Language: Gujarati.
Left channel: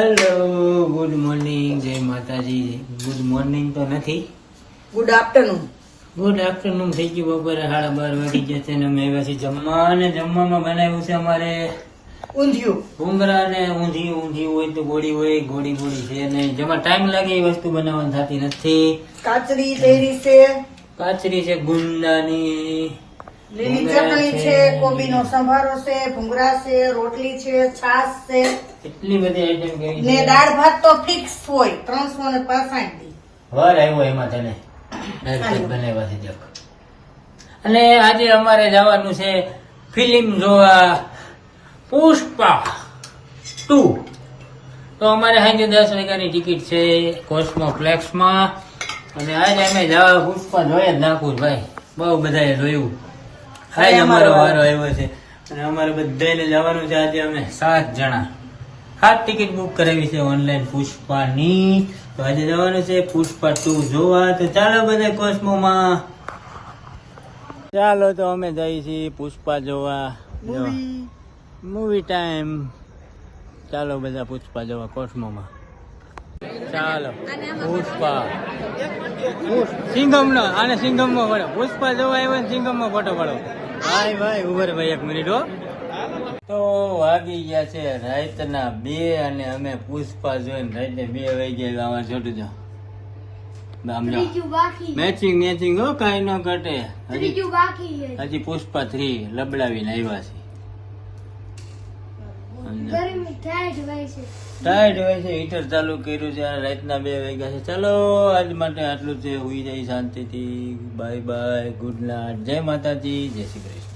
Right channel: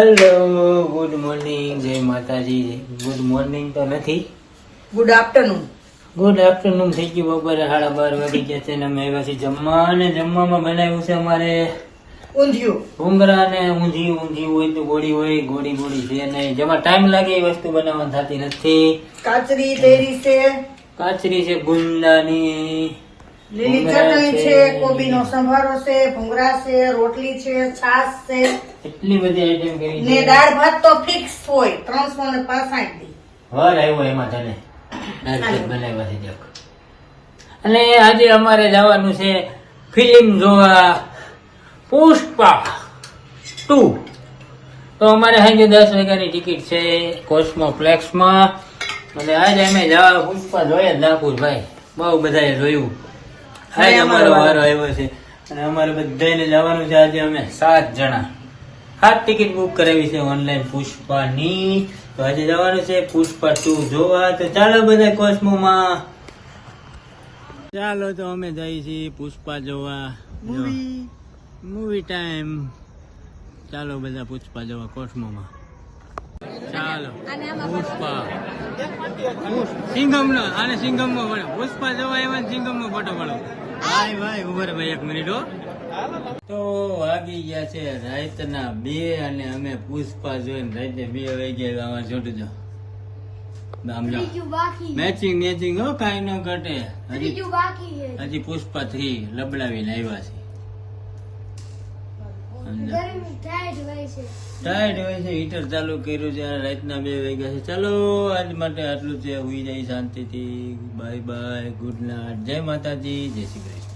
હેલો ગુડ મોર્નિંગ જય માતાજી. ગુડ મોર્નિંગ તો નથી. ગુડ આફ્ટરનૂન ગુડ આફ્ટરનૂન થઈ ગયું બપોરે સાડા બાર વાગી ગયા છે ને અમે પછી જમવાને જમવા. જમવામાં બનાવ્યું છે અમારે ઊંધિયું. ઉમરા ને ઊંધી ઊંધી હોય તો ગોળી હોય ગોળી ગોળી છે ને જેમાં ટાઈમ લાગે એ વસ્તુ બનાવવાની થતી નથી. કાચરી તેરી છે. કાચરી છે ગુંદાની. લીલી ચટણી છે કોબીનો સંભારો છે ભૂંગળા છે રોટલી છે છાશ છે. એટલી બધી આઈટમ કરી ને દાળ ભાત તો ફિક્સ હોય ત્રણસો ને પાસઠ દી વાર આવ્યો એમાં તને. બનાવવાથી દેખ. અને આજે અમારે જવાનું છે ફિલ્મ જોવા પુષ્પા ટુ. તો અમારે સાંજે દસ વાગ્યાની ટિકિટ છે કોસ્મોપ્લેક્સમાં. અને આજે અમે જવા પુષ્પા જોઈએ જ નાગપુરભાઈ બહુ બધાએ જોયું. આજે અમારો વારો આવ્યો છે. અને અમારે બધાને જવાનું છે આજે અમે સાત જણા. સાત ટિકિટ બુક કરાવી છે ઓનલાઈન પુષ્પાની. તો આજે જવાનું છે પુષ્પા ટુ જોવા. તો ચાલો બધા કોસ્મોમાં. ચાલો તો અમે જઈએ છીએ પુષ્પા જોવા. મૂવી ટાઈમ ચાલો બધા પુષ્પા જોવા કોસ્મોમાં. ચાલો પુષ્પા પુષ્પ. સિંગમ નો આને સિંગમમાં પડો પુષ્પા જોવા આવ્યો ને સિંગમમાં ફોટો પડો. ભાઈ ભાઈ ઉભર ભાઈ એક મિનિટ હો. તો વાગી ગયા છે રાતના બે અને અમે પુષ્પા જોઈને રાતે બે વાગ્યા આવા જોતું જો. આમ જો. મેચિંગ મેચિંગ હો કાંઈ ન ઘટે. હજી હજી પુષ્પા થ્રી લબડાવીને આવ્યા છે. ટાઈડ હોય છે હીટર ચાલુ કર્યું છે અને રાતના બે વાગ્યા છે. ચાલો, આજ માટે આટલું જ છે. હુઈ જાય શાંતિથી. બાય બાય ગુડ નાઇટ જય માતાજી. જય શ્રી કૃષ્ણ.